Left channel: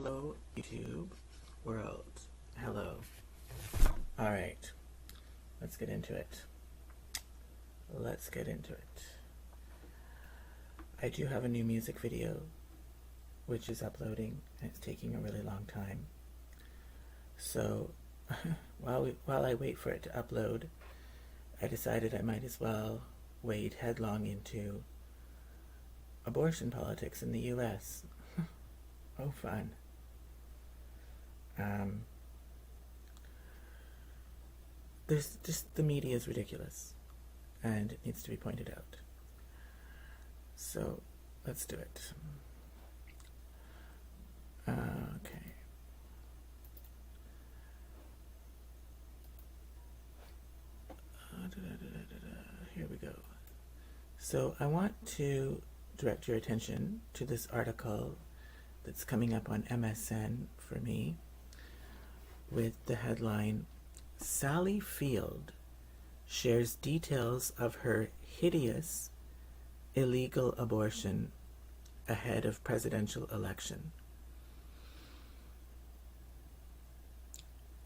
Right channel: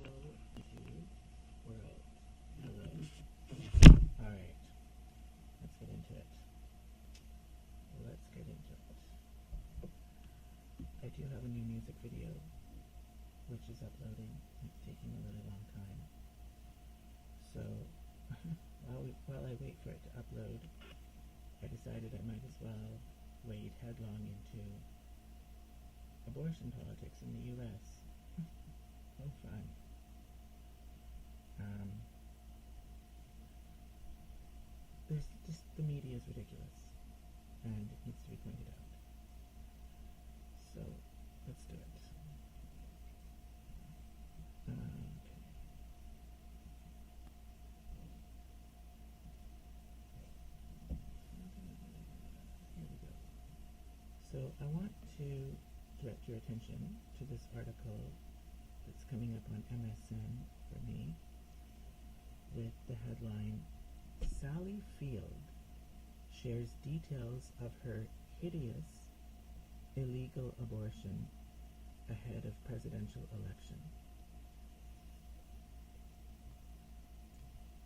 Hello, YouTube world. Hello. Alright, let's get into it. I do have a new music video which is uploading, and it's taking a really long time. So, while I wait for it to upload, I decided I might as well wade headlong into abortion politics in the US. Oh, fun. There's just, the media is ridiculous, and it needs to be pointed out. So, let's do it. Okay. Here we go. So, I want to direct your attention to this article that's coming up on MSN for me with the headline, Sally Field shares details of her hideous illegal abortion ahead of presidential election.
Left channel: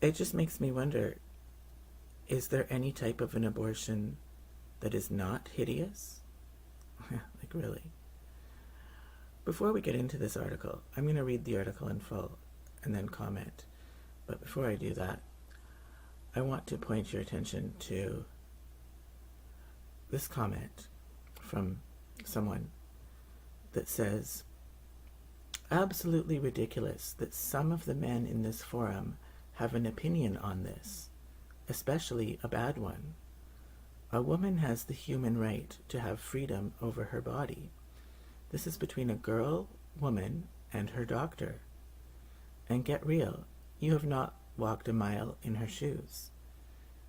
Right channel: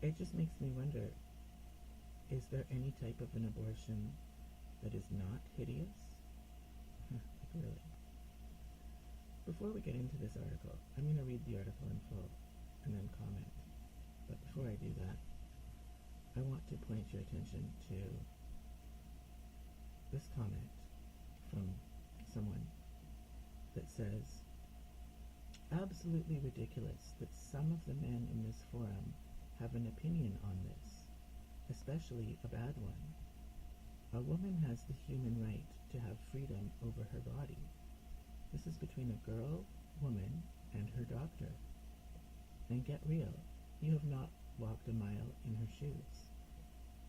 It just makes me wonder, is there any type of an abortion that is not hideous? Like, really? Before we get into this article, I'm going to read the article in full and then comment. But before I do that, I want to point your attention to this comment from someone that says, absolutely ridiculous that some of the men in this forum have an opinion on this, especially a bad one. A woman has the human right to have freedom over her body. This is between a girl, woman, and her doctor. And get real, you have not walked a mile in her shoes.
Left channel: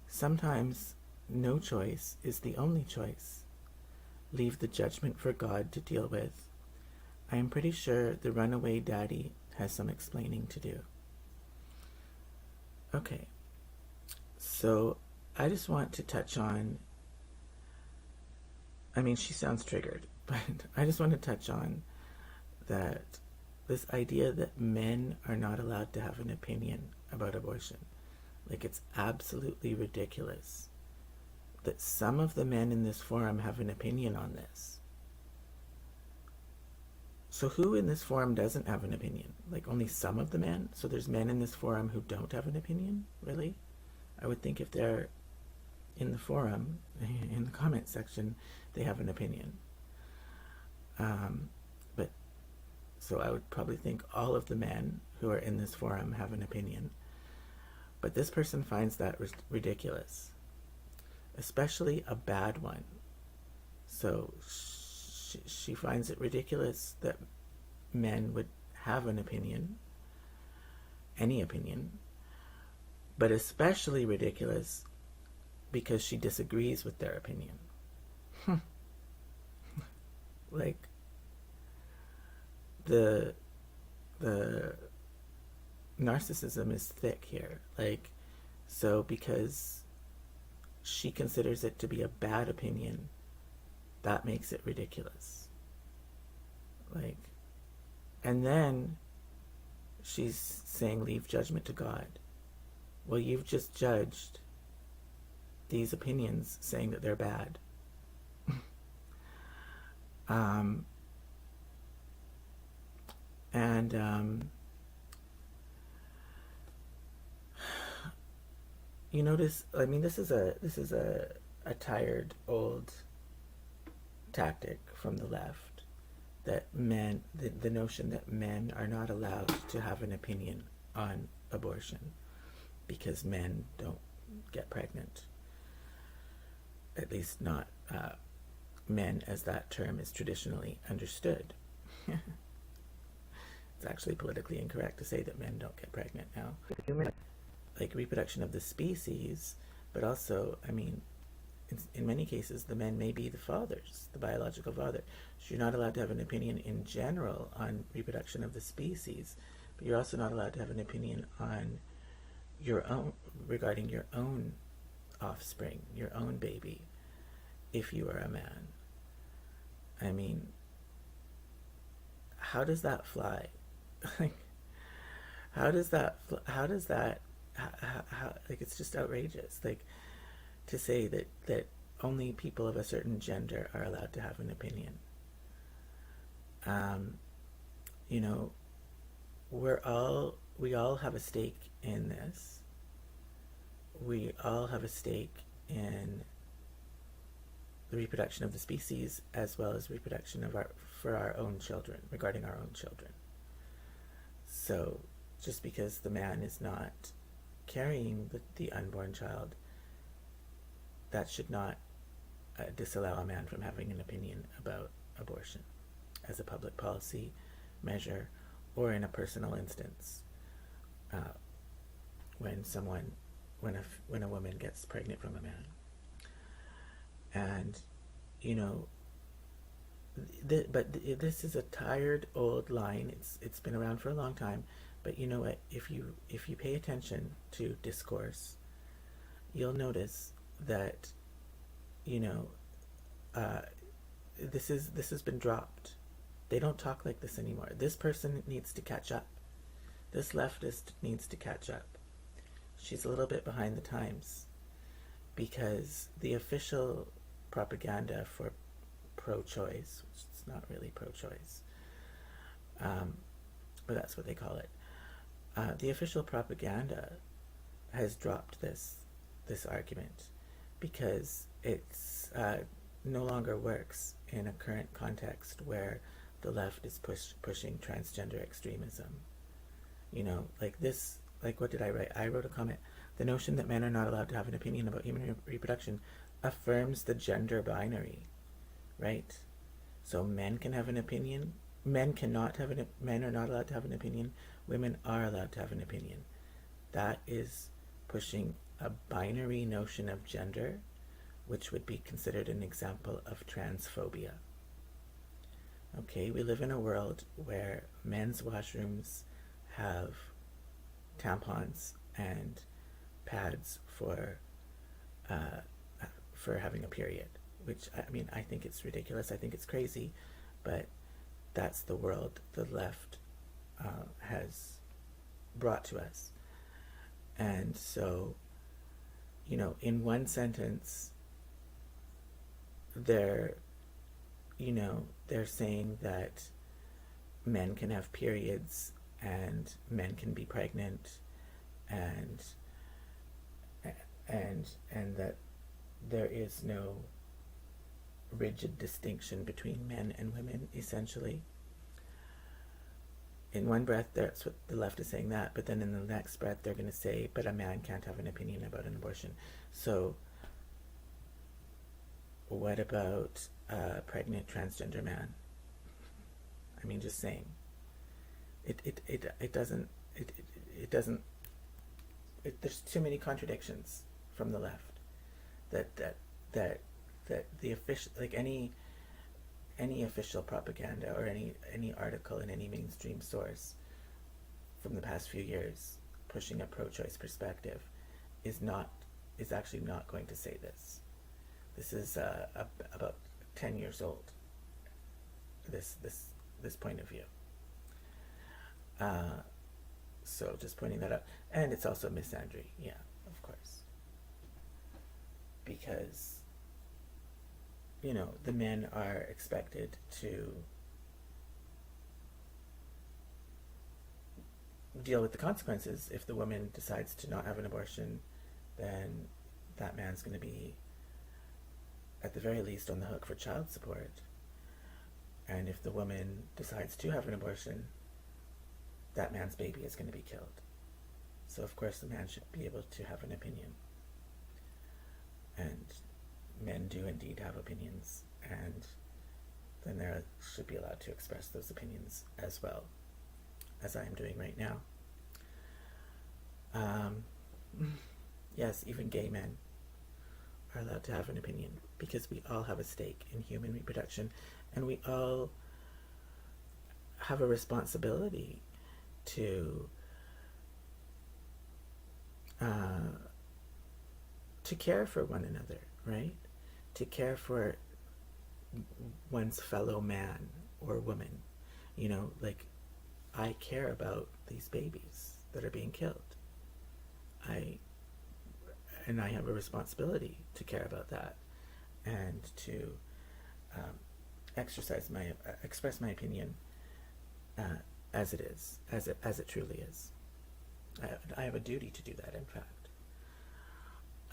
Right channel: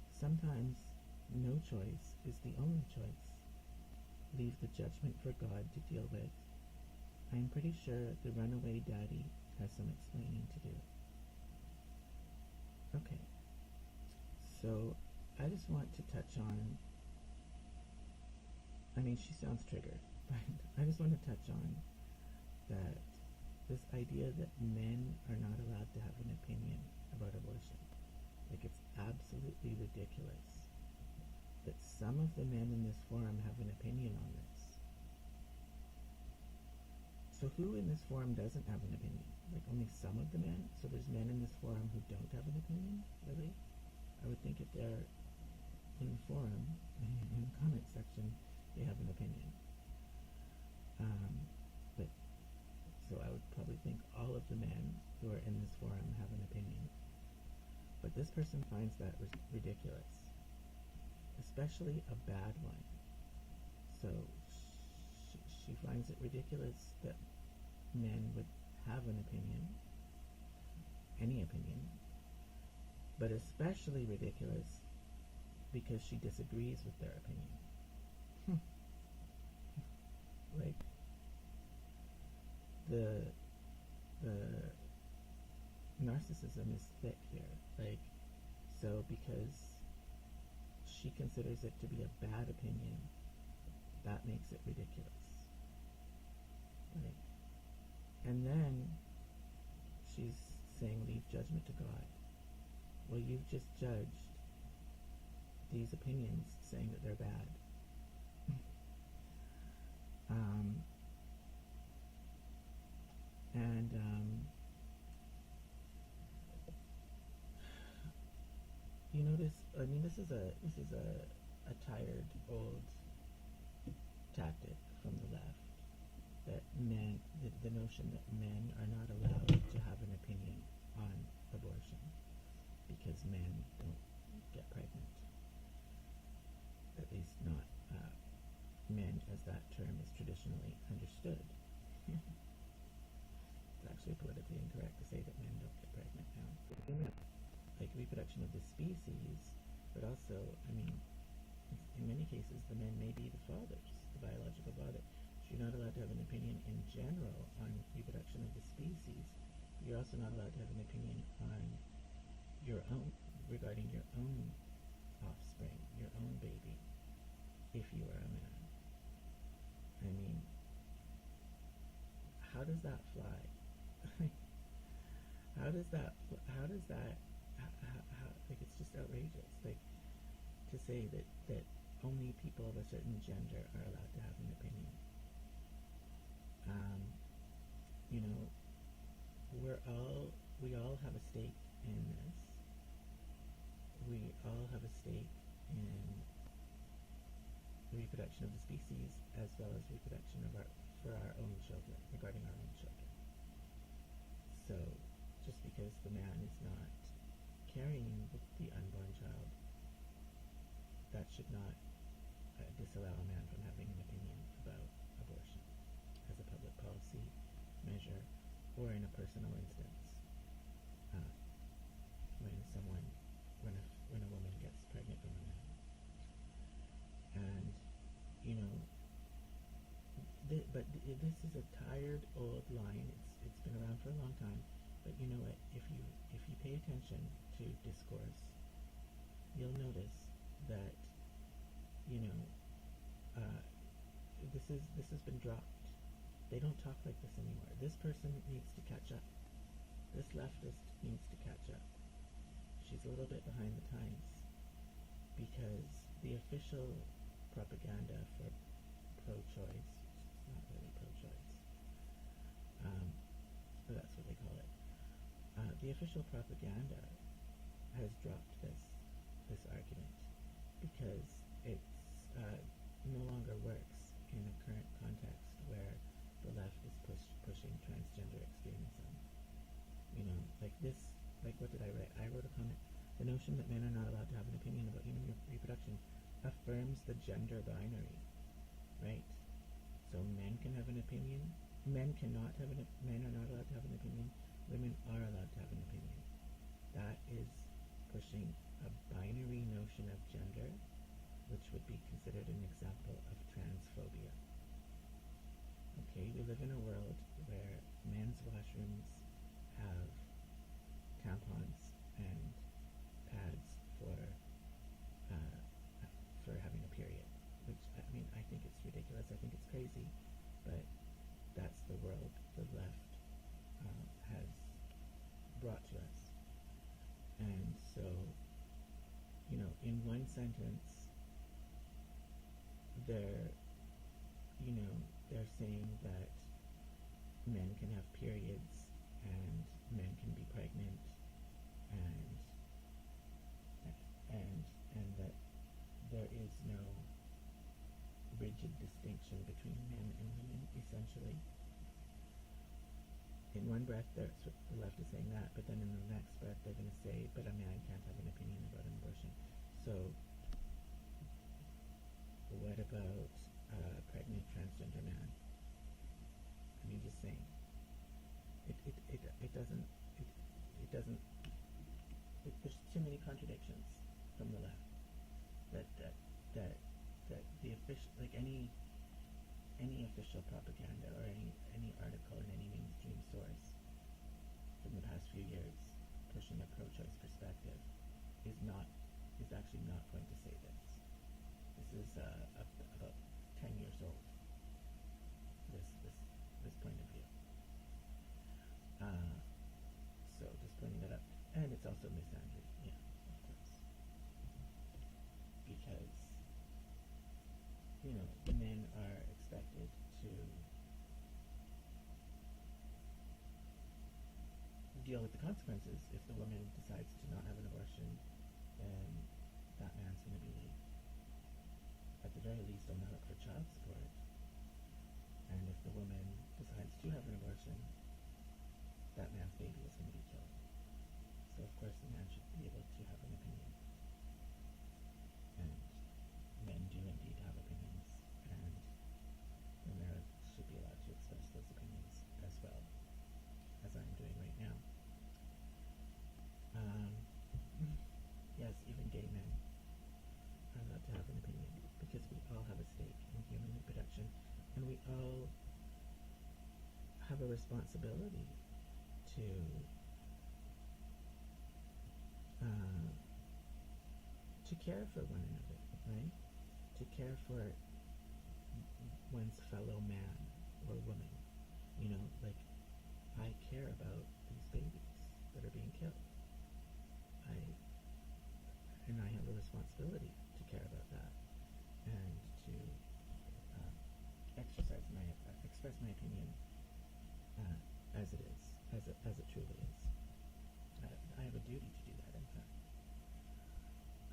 Sometimes no choice is the only choice. Leave the judgment for God to deal with. I am pretty sure the runaway daddy has some explaining to do. Okay, so I just want to touch on, she sounds triggered, but I just want to touch on that this idea that men are not allowed to have an opinion about abortion. Like, it's absolutely ridiculous that some of the men in this forum have an opinion on this. So who in this forum doesn't have an opinion? Like, only some of the men? So there's men in this forum who don't have an opinion? Really? I would think if they're in the forum, in the comment section, they have an opinion. So I would probably think all of the men who are in this forum have an opinion. But this person finds that ridiculous, especially a bad one. So she finds it ridiculous that men would have an opinion, any opinion, but especially ridiculous because she disagrees with their opinion. Like, the narcissism is thick here. Like, so because she considers it to be a bad opinion, that makes it ridiculous. Like, and then she's saying leave judgment to God. Well, you've just judged these opinions saying that they're bad. You notice, this is a tired old tactic from the left, that men, the notion that men are not allowed to have an opinion on abortion because men don't get pregnant. At least not men as that term is traditionally understood. It's actually politically incorrect to say that men don't get pregnant now. Like reproduction of the species, but also, in many cases, the men may be the fathers, the biological father. So you're not allowed to have an opinion in general on reproduction of the species, but you're also not allowed to have an opinion on your own, regarding your own offspring, your own baby, if you are a man. How does that fly? How does that? How does that? Like it's just outrageous. Like to say that only people of a certain gender are allowed to have an opinion. Um, you know, we all have a stake in this. We all have a stake in the reproduction of the species as well as reproduction of our for our own children, regarding our own children. So just because the man is not carrying the unborn child, that should not disallow a man from having an opinion about abortion as a public policy measure or in a personal instance. Uh, when someone, when a woman gets pregnant from a man, and you know, this is a tired old line. It's been around for a long time, but you know what? If you pay attention to discourse, you'll notice that you know this has been dropped. They don't talk like this anymore. This person needs to catch up. This leftist needs to catch up. She's a little bit behind the times because the official propaganda for pro-choice, which is not really pro-choice, but that's what they call it. The official propaganda has dropped this argument because it's no longer works in a current context where the left is pushing transgender extremism. You know, like this, like what did I write? I wrote a comment. The notion that men are not allowed to have an opinion about human reproduction affirms the gender binary, right? So men can have an opinion. Men cannot have an. Men are not allowed to have an opinion. Women are allowed to have an opinion. That is pushing a binary notion of gender, which would be considered an example of transphobia. Okay, we live in a world where men's washrooms have tampons and pads for having a period, which I mean I think it's ridiculous. I think it's crazy, but that's the world the left has brought to us. And so, you know, in one sentence, they're saying that men can have periods and men can be pregnant and that there is no rigid distinction between men and women, essentially. In one breath, that's what the left is saying that, but then in the next breath, they're going to say, but a man can't have an opinion about an abortion. So what about a pregnant transgender man? I mean, just saying. It doesn't. There's too many contradictions from the left. That the official, like any official propaganda or any article in any mainstream source from the past few years pushing a pro-choice perspective is actually not going to say this. This is about 10 years old. This point of view. So just pointing that out, and it's also misandry. Yeah, of course, because you know the men are expected to deal with the consequences. If the woman decides to not have an abortion, then that man's going to be at the very least on the hook for child support. And if the woman decides to have an abortion, that man's baby is going to be killed. So of course the man should be able to have an opinion. And men do indeed have opinions, and then they should be allowed to express those opinions as well, as I am doing right now. Yes, even gay men are allowed to have an opinion because we all have a stake in human reproduction, and we all have a responsibility to care for one another, right? To care for one's fellow man or woman. You know, like I care about these babies. that are being killed. I I have a responsibility to care about that and to um, express my opinion uh, as it is, as it truly is. I have a duty to do that, in fact.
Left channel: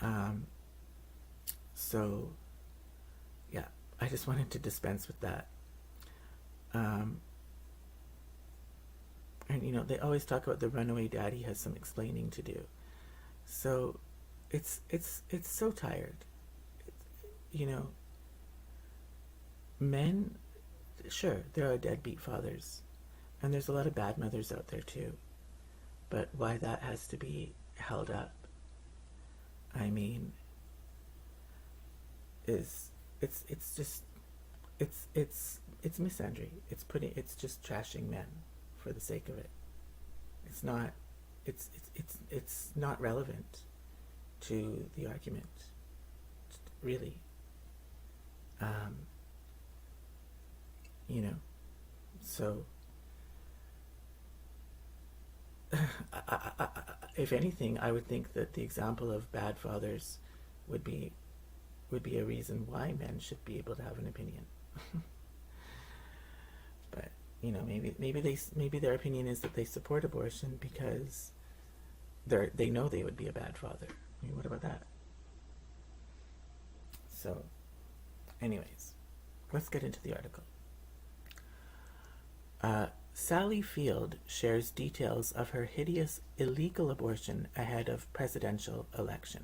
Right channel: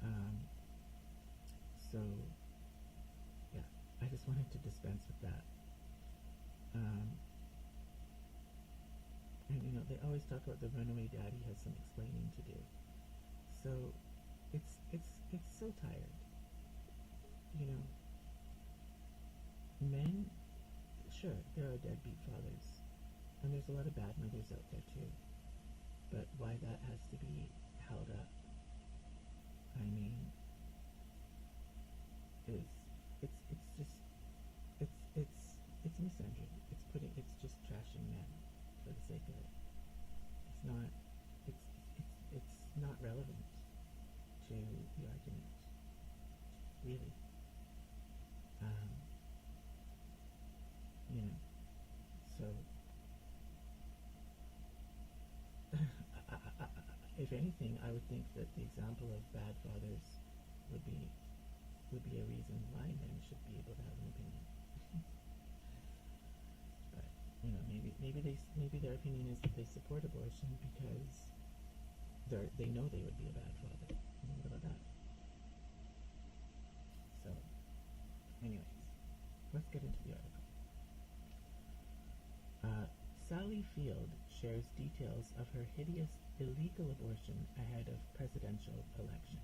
Um, so, yeah, I just wanted to dispense with that. Um, and they always talk about the runaway daddy has some explaining to do. So, it's so tired. You know, men, sure, there are deadbeat fathers, and there's a lot of bad mothers out there too. But why that has to be held up, I mean, is it's just it's misandry. It's just trashing men for the sake of it. It's not it's not relevant to the argument, really. Um, you know, so if anything, I would think that the example of bad fathers would be a reason why men should be able to have an opinion. But maybe their opinion is that they support abortion because they know they would be a bad father. I mean, what about that? So, anyways, let's get into the article. Sally Field shares details of her hideous illegal abortion ahead of presidential election.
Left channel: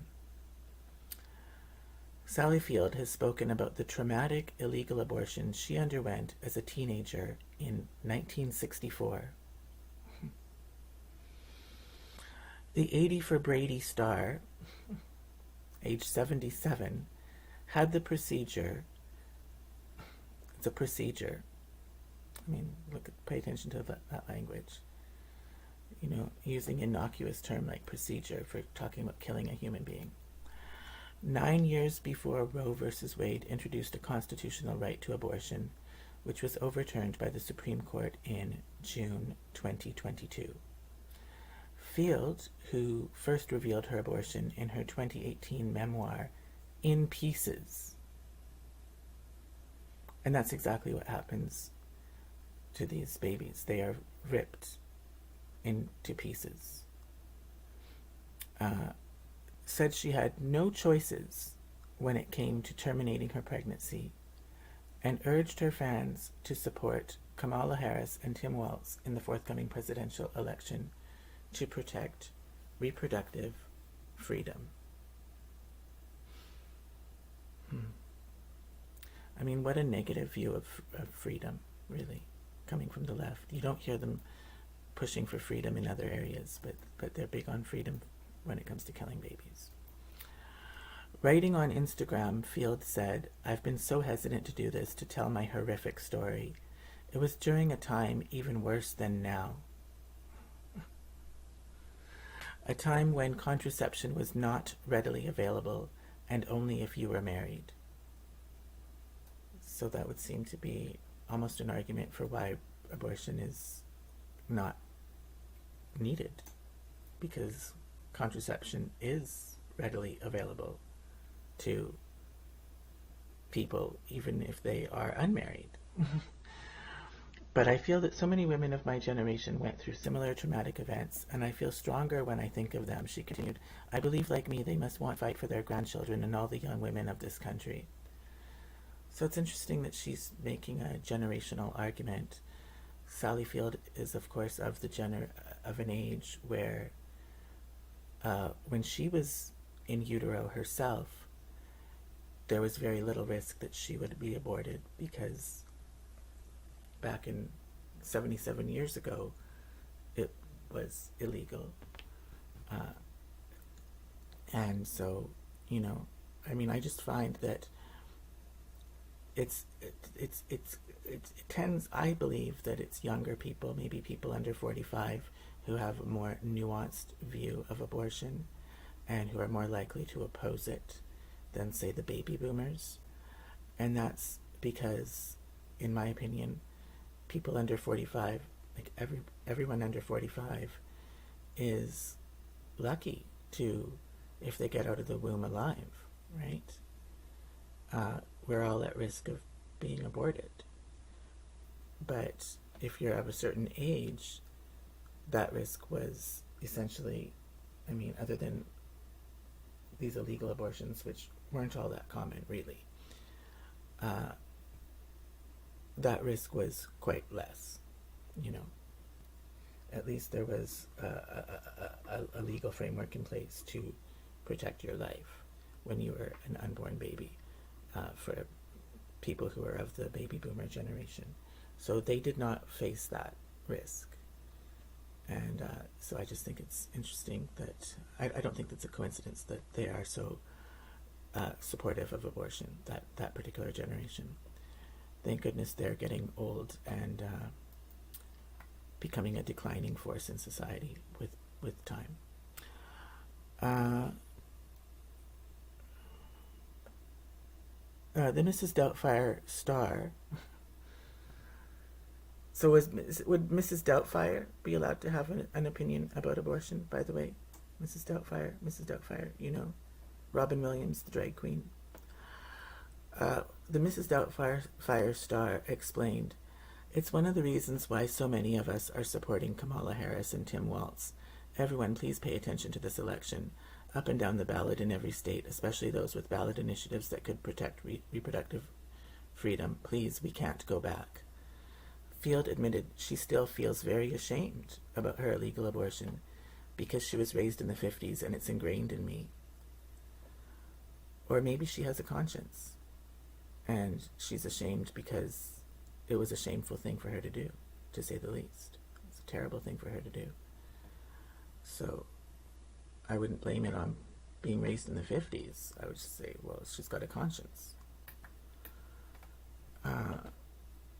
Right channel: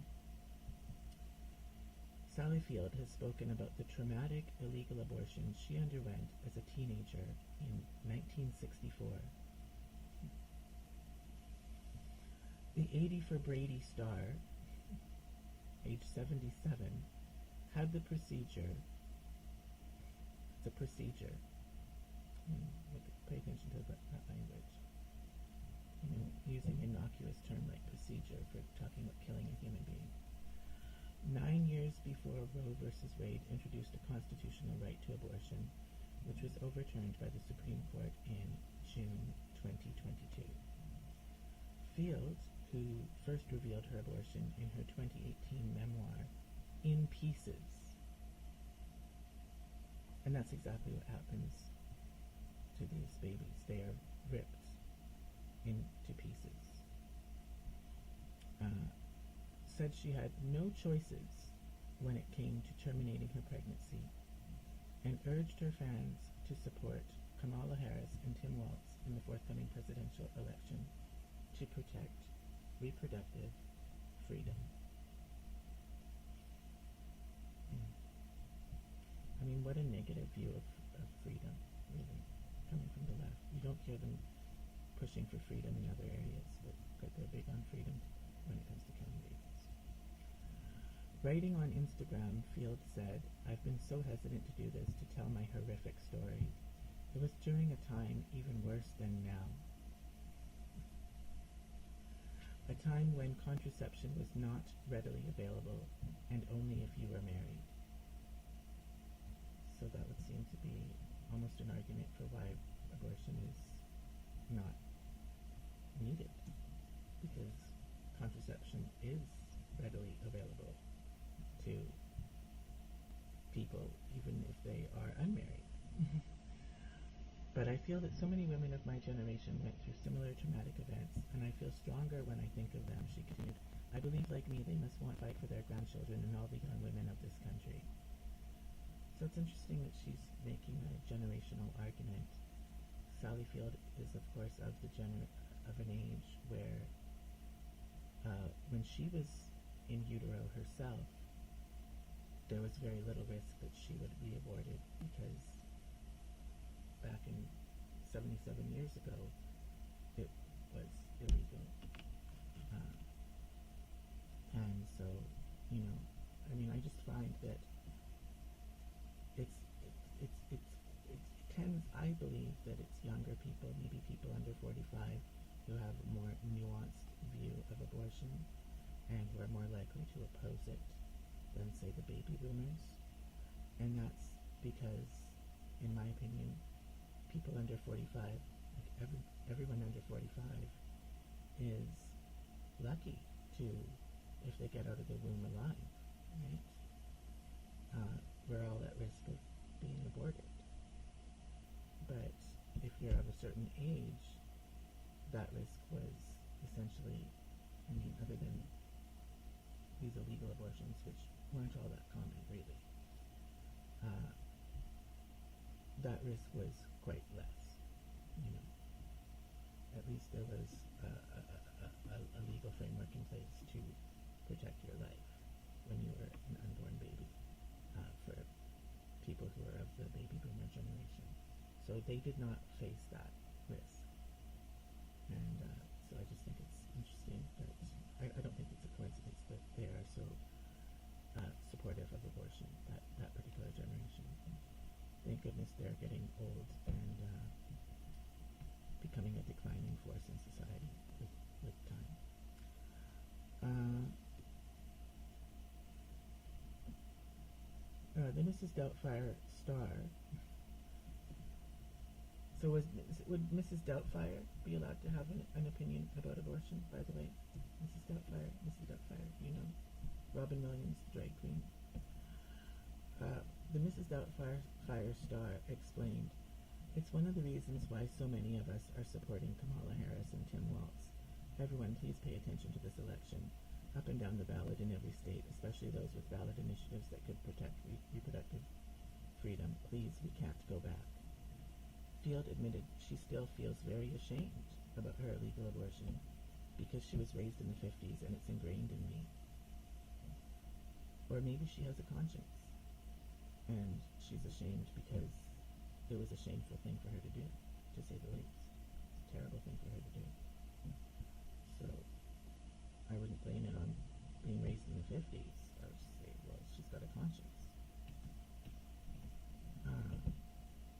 Sally Field has spoken about the traumatic illegal abortion she underwent as a teenager in 1964. The 80 for Brady star, age 77, had the procedure. It's a procedure. I mean, pay attention to that language. Using innocuous term like procedure for talking about killing a human being. 9 years before Roe versus Wade introduced a constitutional right to abortion, which was overturned by the Supreme Court in June 2022. Field, who first revealed her abortion in her 2018 memoir, In Pieces. And that's exactly what happens to these babies. They are ripped into pieces. Said she had no choices when it came to terminating her pregnancy, and urged her fans to support Kamala Harris and Tim Walz in the forthcoming presidential election to protect reproductive freedom. I mean, what a negative view of freedom, really, coming from the left. You don't hear them pushing for freedom in other areas, but they're big on freedom when it comes to killing babies. Writing on Instagram, Field said, "I've been so hesitant to do this, to tell my horrific story. It was during a time even worse than now. A time when contraception was not readily available, and only if you were married." So that would seem to be almost an argument for why abortion is not needed, because contraception is readily available to people even if they are unmarried. But I feel that so many women of my generation went through similar traumatic events, and I feel stronger when I think of them, she continued. I believe, like me, they must want to fight for their grandchildren and all the young women of this country. So it's interesting that she's making a generational argument. Sally Field is, of course, of an age where when she was in utero herself, there was very little risk that she would be aborted, because back in 77 years ago, it was illegal. And so, I just find that it tends, I believe that it's younger people, maybe people under 45, who have a more nuanced view of abortion and who are more likely to oppose it than, say, the baby boomers. And that's because, in my opinion, people under 45, like everyone under 45, is lucky to, if they get out of the womb alive, right? We're all at risk of being aborted. But if you're of a certain age, that risk was essentially, I mean, other than these illegal abortions, which weren't all that common, really, that risk was quite less, you know. At least there was a legal framework in place to protect your life when you were an unborn baby, for people who are of the baby boomer generation. So they did not face that risk. And so I just think it's interesting that, I don't think it's a coincidence that they are so supportive of abortion, that particular generation. Thank goodness they're getting old and becoming a declining force in society with time. The Mrs. Doubtfire star. So would Mrs. Doubtfire be allowed to have an opinion about abortion, by the way? Mrs. Doubtfire, you know, Robin Williams, the drag queen. The Mrs. Doubtfire star explained, "It's one of the reasons why so many of us are supporting Kamala Harris and Tim Walz. Everyone, please pay attention to this election. Up and down the ballot in every state, especially those with ballot initiatives that could protect reproductive freedom. Please, we can't go back." Field admitted she still feels very ashamed about her illegal abortion because she was raised in the 50s and it's ingrained in me. Or maybe she has a conscience and she's ashamed because it was a shameful thing for her to do, to say the least. It's a terrible thing for her to do. So I wouldn't blame it on being raised in the 50s. I would just say, well, she's got a conscience.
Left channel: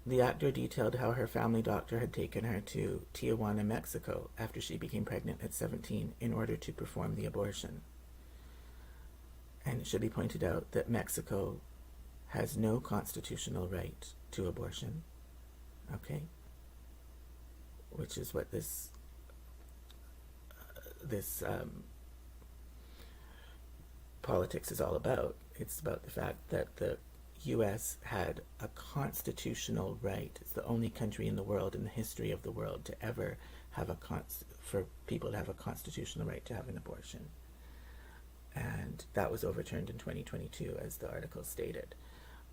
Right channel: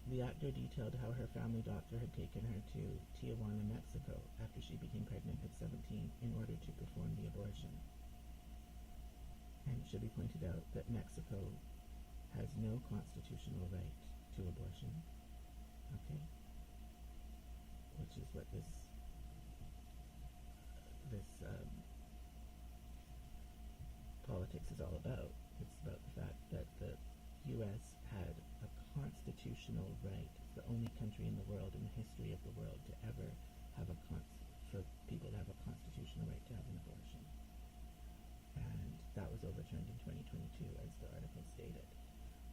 The actor detailed how her family doctor had taken her to Tijuana, Mexico, after she became pregnant at 17 in order to perform the abortion. And it should be pointed out that Mexico has no constitutional right to abortion, okay? Which is what this politics is all about. It's about the fact that the U.S. had a constitutional right. It's the only country in the world, in the history of the world, to ever have for people to have a constitutional right to have an abortion. And that was overturned in 2022, as the article stated.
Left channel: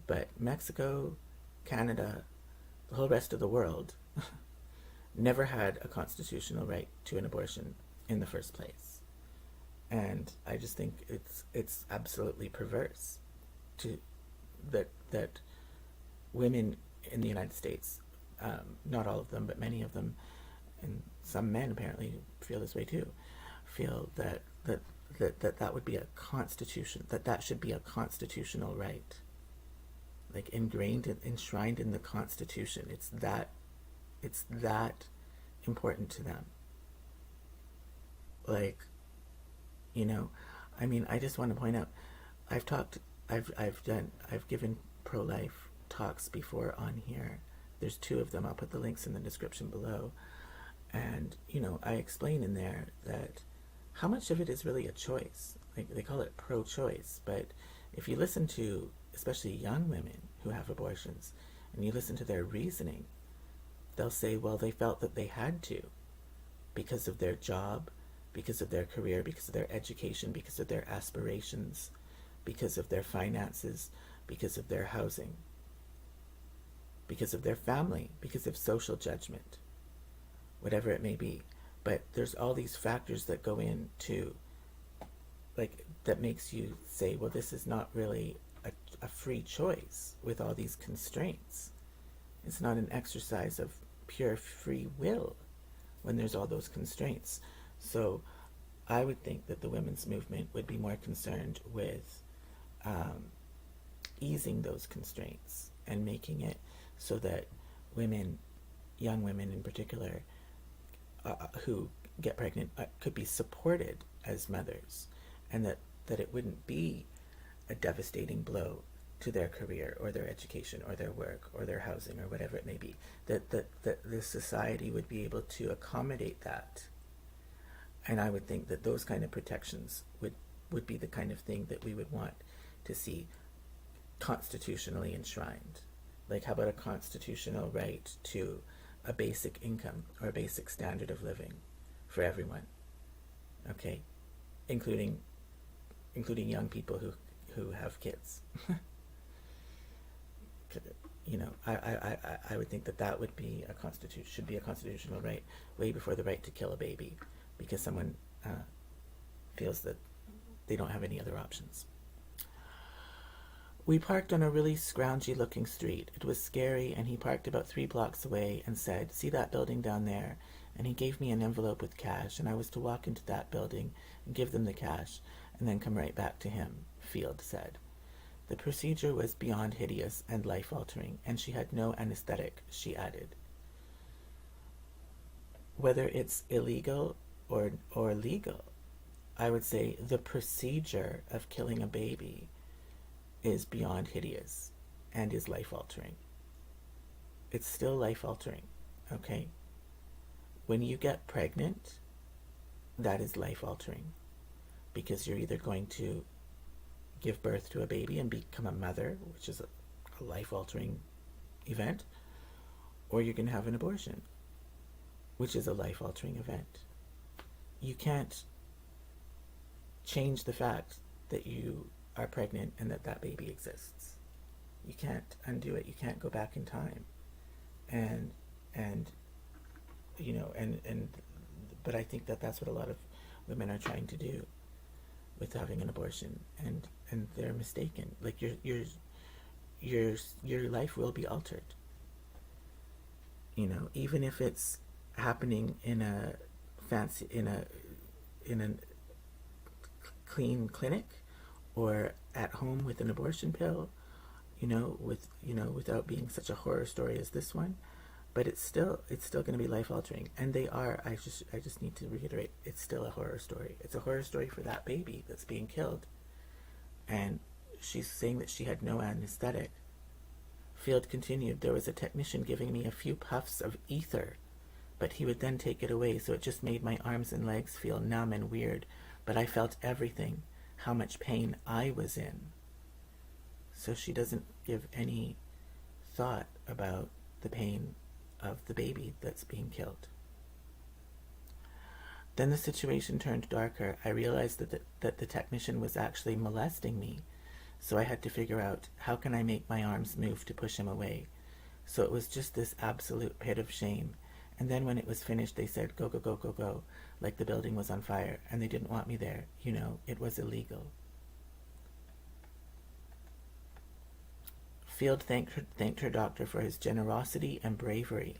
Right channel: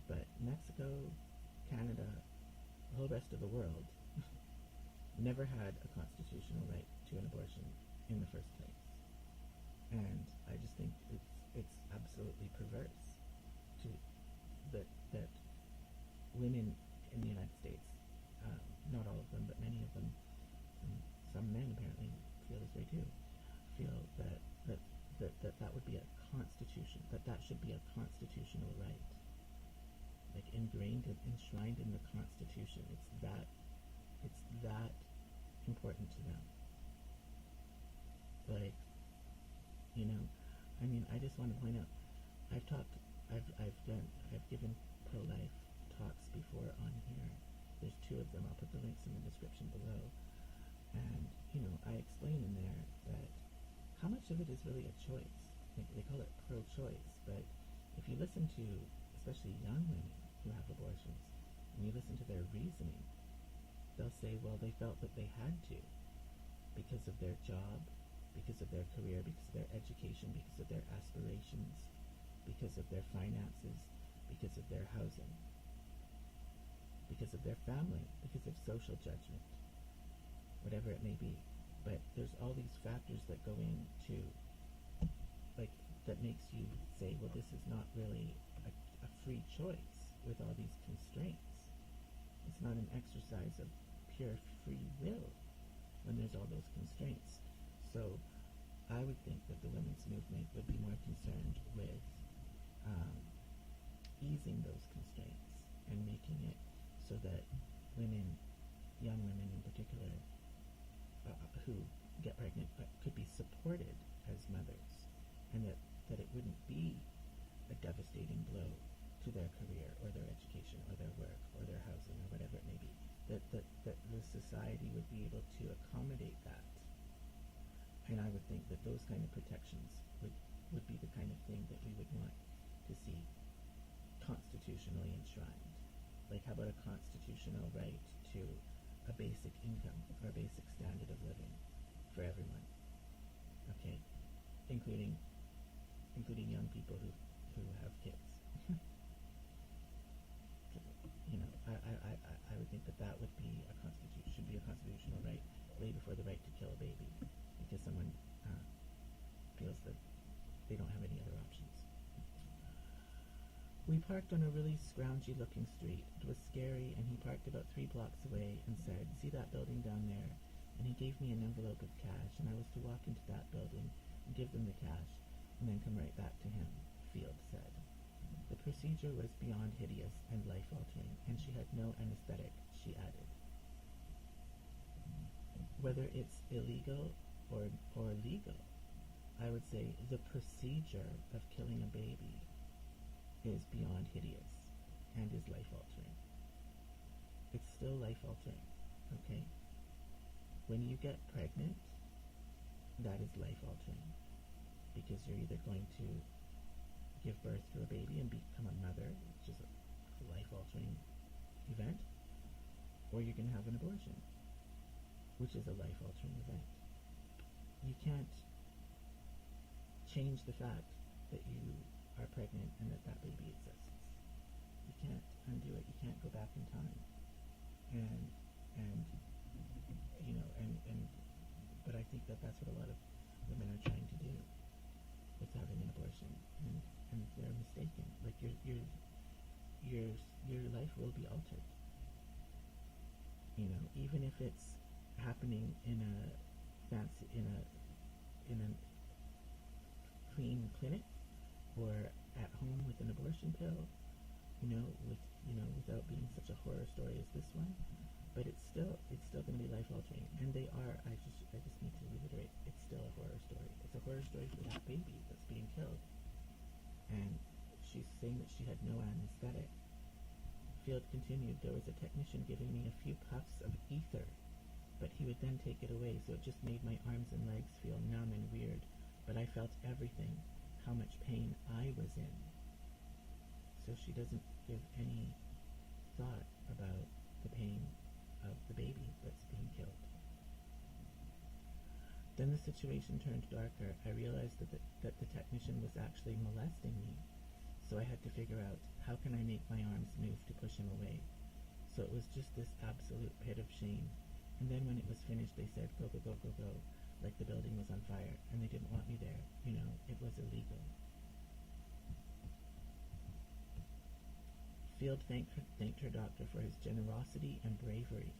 But Mexico, Canada, the whole rest of the world never had a constitutional right to an abortion in the first place. And I just think it's absolutely perverse that women in the United States, not all of them, but many of them, and some men apparently feel this way too, feel that would be a constitution, that should be a constitutional right, like enshrined in the Constitution. It's that important to them. Like, you know, I mean, I just want to point out, I've given pro-life talks before on here. There's 2 of them. I'll put the links in the description below. And, you know, I explain in there that how much of it is really a choice. Like, they call it pro-choice, but if you listen to, especially young women who have abortions, and you listen to their reasoning, they'll say, well, they felt that they had to because of their job, because of their career, because of their education, because of their aspirations, because of their finances, because of their housing, because of their family, because of social judgment, whatever it may be. But there's all these factors that go into, like, that makes you say, well, this is not really a free choice with all these constraints. It's not an exercise of pure free will when there's all those constraints. So I would think that the women's movement would be more concerned with easing those constraints and making it so that women, young women in particular, who get pregnant could be supported as mothers, and that it wouldn't be a devastating blow to their career or their education or their work or their housing or whatever it may be, that the society would be able to accommodate that And I would think that those kind of protections would be the kind of thing that we would want to see constitutionally enshrined. Like, how about a constitutional right to a basic income or a basic standard of living for everyone? Okay, including young people who have kids. You know, I would think that that would be should be a constitutional right, way before the right to kill a baby, because someone feels that they don't have any other options. We parked on a really scroungy looking street. It was scary, and he parked about 3 blocks away and said, "See that building down there?" And he gave me an envelope with cash, and I was to walk into that building and give them the cash, and then come right back to him, Field said. The procedure was beyond hideous and life-altering, and she had no anesthetic, she added. Whether it's illegal or legal, I would say the procedure of killing a baby is beyond hideous and is life-altering. It's still life-altering, okay? When you get pregnant, that is life-altering, because you're either going to give birth to a baby and become a mother, which is a life-altering event, or you can have an abortion, which is a life-altering event. You can't change the fact that you are pregnant and that baby exists. You can't undo it. You can't go back in time. And you know, but I think that that's what a lot of women are trying to do with having an abortion, and they're mistaken. Like, your life will be altered. You know, even if it's happening in a clean clinic, or at home with an abortion pill, without being such a horror story as this one. But it's still going to be life altering, and they are. I just need to reiterate, it's still a horror story. It's a horror story for that baby that's being killed, and she's saying that she had no anesthetic. Field continued, "There was a technician giving me a few puffs of ether, but he would then take it away, so it just made my arms and legs feel numb and weird, but I felt everything, how much pain I was in." So she doesn't give any thought about the pain of the baby that's being killed. Then the situation turned darker. I realized that the technician was actually molesting me, so I had to figure out, how can I make my arms move to push him away? So it was just this absolute pit of shame. And then when it was finished, they said, "Go, go, go, go, go," like the building was on fire, and they didn't want me there. It was illegal. Field thanked her doctor for his generosity and bravery.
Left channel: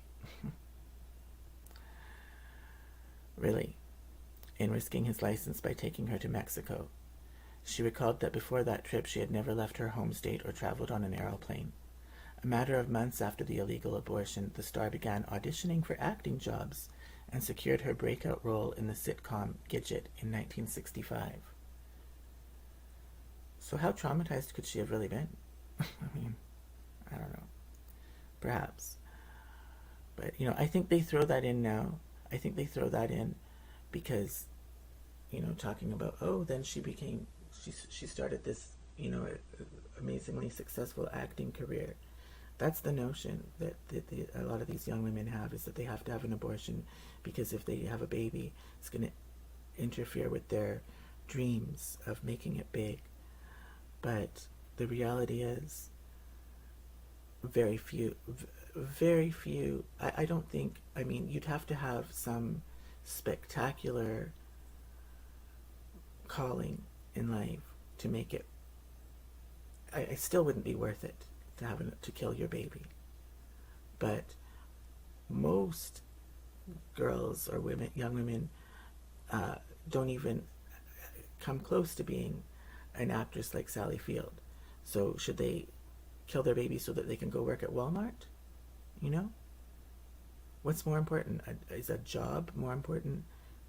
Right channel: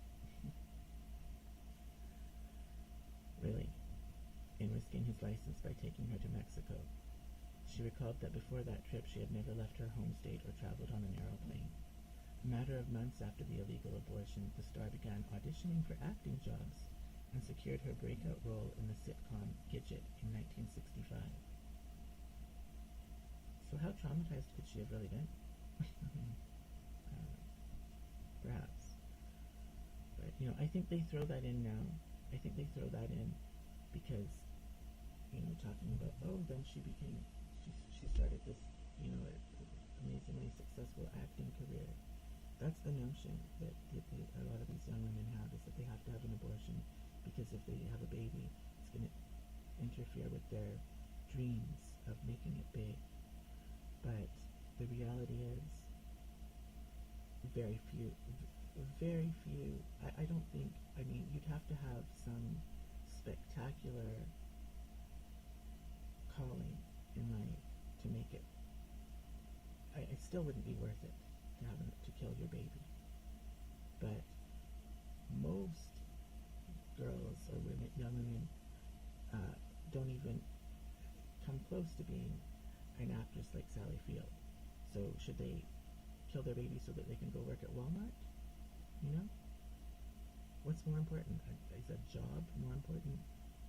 Really, in risking his license by taking her to Mexico. She recalled that before that trip she had never left her home state or traveled on an aeroplane. A matter of months after the illegal abortion, the star began auditioning for acting jobs and secured her breakout role in the sitcom Gidget in 1965. So how traumatized could she have really been? I mean, I don't know. Perhaps. But, I think they throw that in now. I think they throw that in because, talking about, then she started this, amazingly successful acting career. That's the notion that a lot of these young women have, is that they have to have an abortion because if they have a baby, it's going to interfere with their dreams of making it big. But the reality is, very few, I don't think, you'd have to have some spectacular calling in life to make it. I still wouldn't be worth it to kill your baby. But most girls or young women, don't even come close to being an actress like Sally Field. So should they kill their baby so that they can go work at Walmart? What's more important? Is a job more important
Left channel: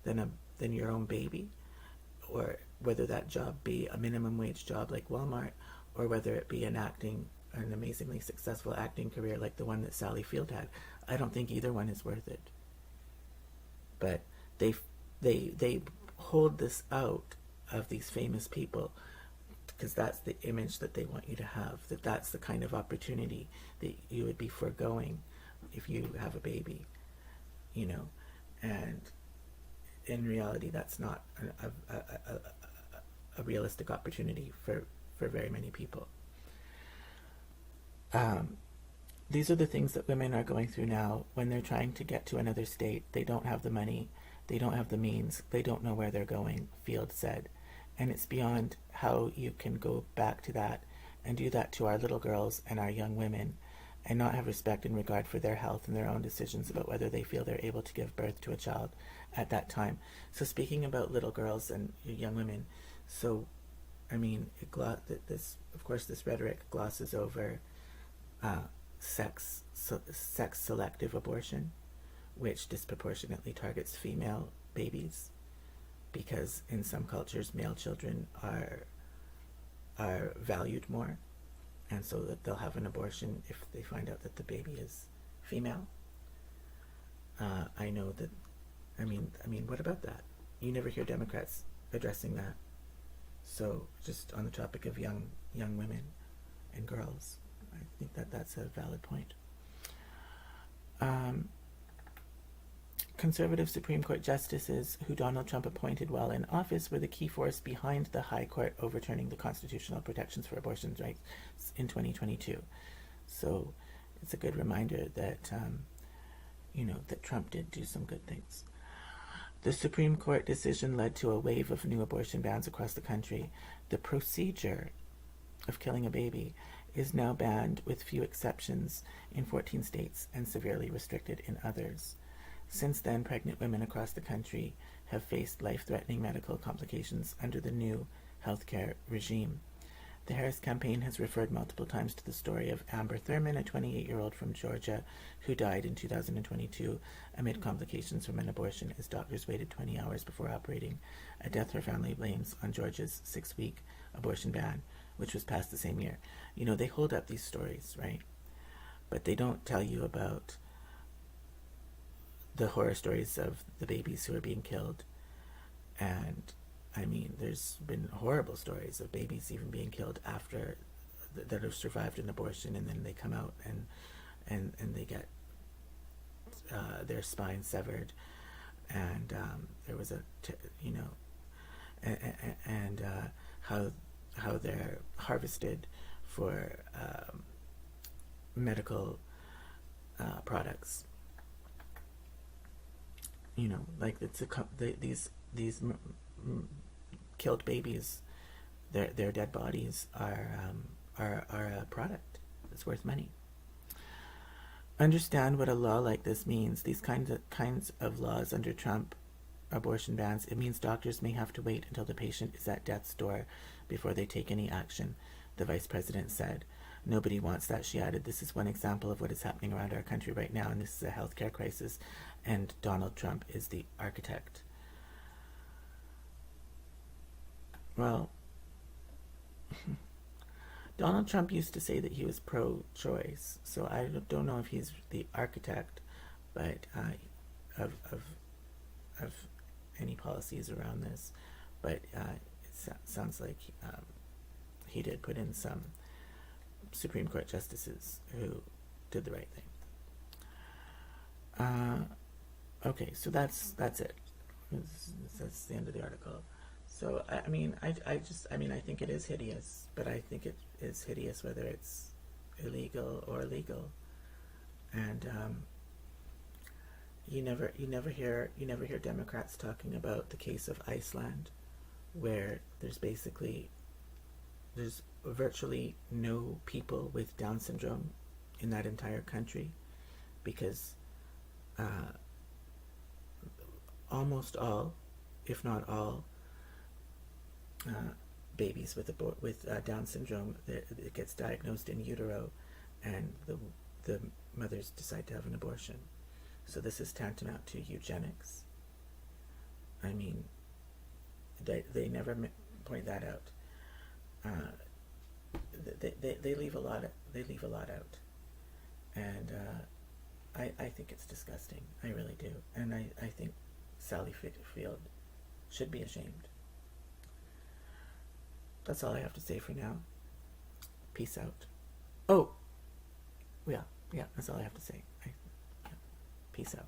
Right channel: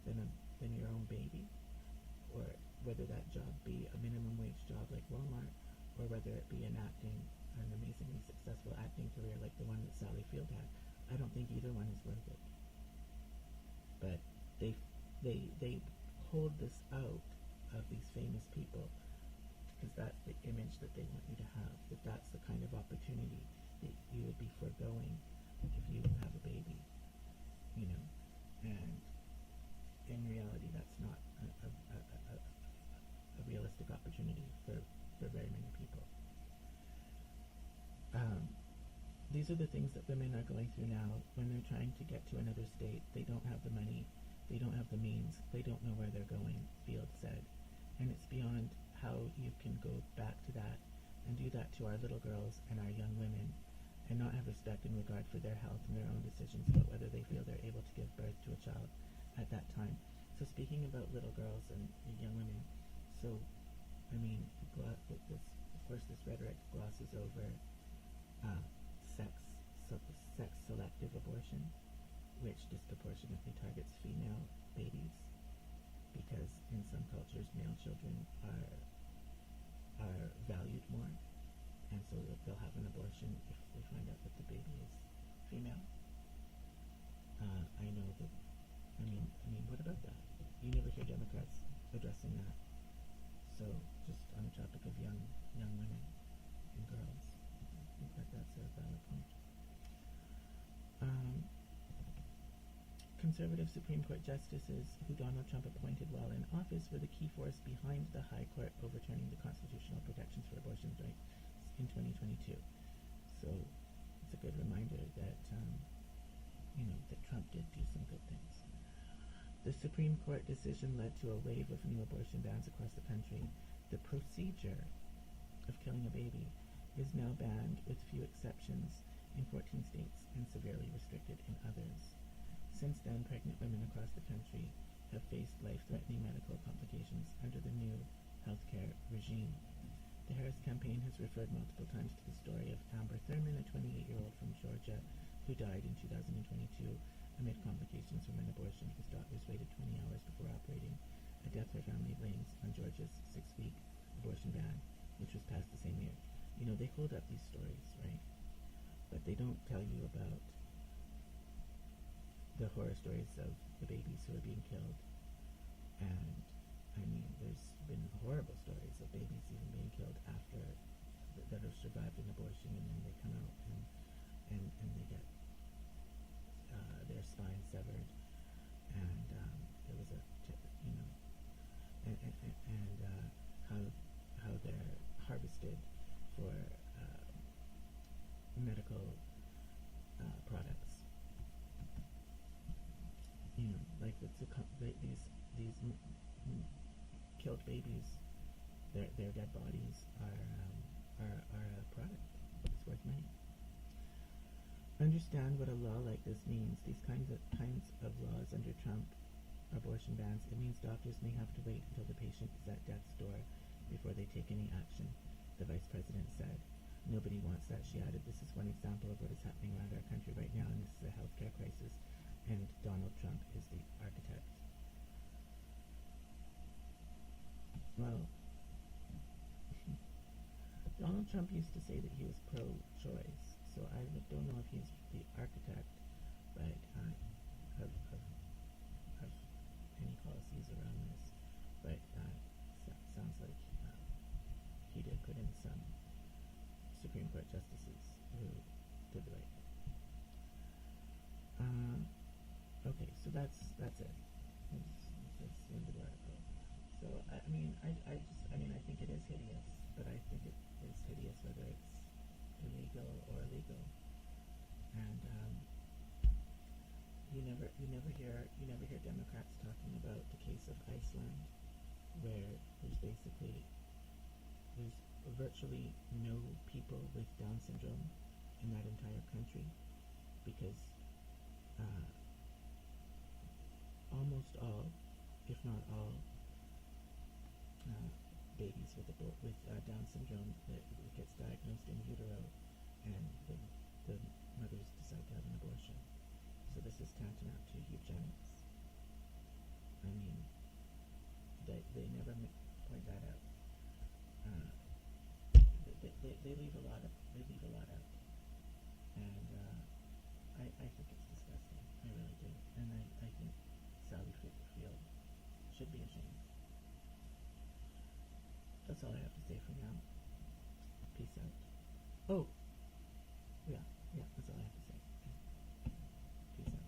than your own baby? Or whether that job be a minimum wage job like Walmart, or whether it be an amazingly successful acting career like the one that Sally Field had. I don't think either one is worth it. But they hold this out of these famous people because that's the image that they want you to have, that that's the kind of opportunity that you would be foregoing if you have a baby, you know. And in reality, that's not a realistic opportunity for very many people. These are the things that women are going through now when they're trying to get to another state. They don't have the money, they don't have the means, they don't know where they're going, Field said. And it's beyond how you can go back to that and do that to our little girls and our young women and not have respect and regard for their health and their own decisions about whether they feel they're able to give birth to a child at that time. So speaking about little girls and young women, so I mean, this rhetoric glosses over sex selective abortion, which disproportionately targets female babies, because in some cultures male children are valued more, and so that they'll have an abortion if they find out that the baby is female. I know that. I mean, what about that? You never hear Democrats addressing that. So, just on the topic of young women and girls, I think that that's a valid point. Conservative Supreme Court justices who Donald Trump appointed while in office were the key force behind the High Court overturning the constitutional protections for abortion rights in 2022. So, it's a good reminder that that Trump did do some good things. The Supreme Court decision led to a wave of new abortion bans across the country. The procedure of killing a baby is now banned with few exceptions in 14 states and severely restricted in others. Since then, pregnant women across the country have faced life-threatening medical complications under the new healthcare regime. The Harris campaign has referred multiple times to the story of Amber Thurman, a 28-year-old from Georgia, who died in 2022 amid complications from an abortion as doctors waited 20 hours before operating, a death her family blames on Georgia's 6-week abortion ban, which was passed the same year. You know, they hold up these stories, right? But they don't tell you about the horror stories of the babies who are being killed. And I mean, there's been horrible stories of babies even being killed after that have survived an abortion, and then they come out and they get their spine severed, and there was and how they're harvested for medical products. You know, like these killed babies, their dead bodies are a product that's worth money. Understand what a law like this means. These kinds of laws under Trump abortion bans, it means doctors may have to wait until the patient is at death's door before they take any action, the vice president said. Nobody wants that, she added. This is one example of what is happening around our country right now, and this is a healthcare crisis, and Donald Trump is the architect. Well, Donald Trump used to say that he was pro-choice, so I don't know if he's the architect, but of any policies around this. But it sounds like he did put in some Supreme Court justices who did the right thing. Okay, so that's it. That's the end of the article. So I mean, I think it is hideous, but I think it is hideous whether it's illegal or legal. And you never hear Democrats talking about the case of Iceland, where there's virtually no people with Down syndrome in that entire country, because almost all, if not all, babies with Down syndrome, it gets diagnosed in utero, and the mothers decide to have an abortion. So this is tantamount to eugenics. I mean, they never point that out. They leave a lot out, and I think it's disgusting. I really do, and I think Sally Field should be ashamed. That's all I have to say for now. Peace out. Oh, yeah, that's all I have to say. Peace out.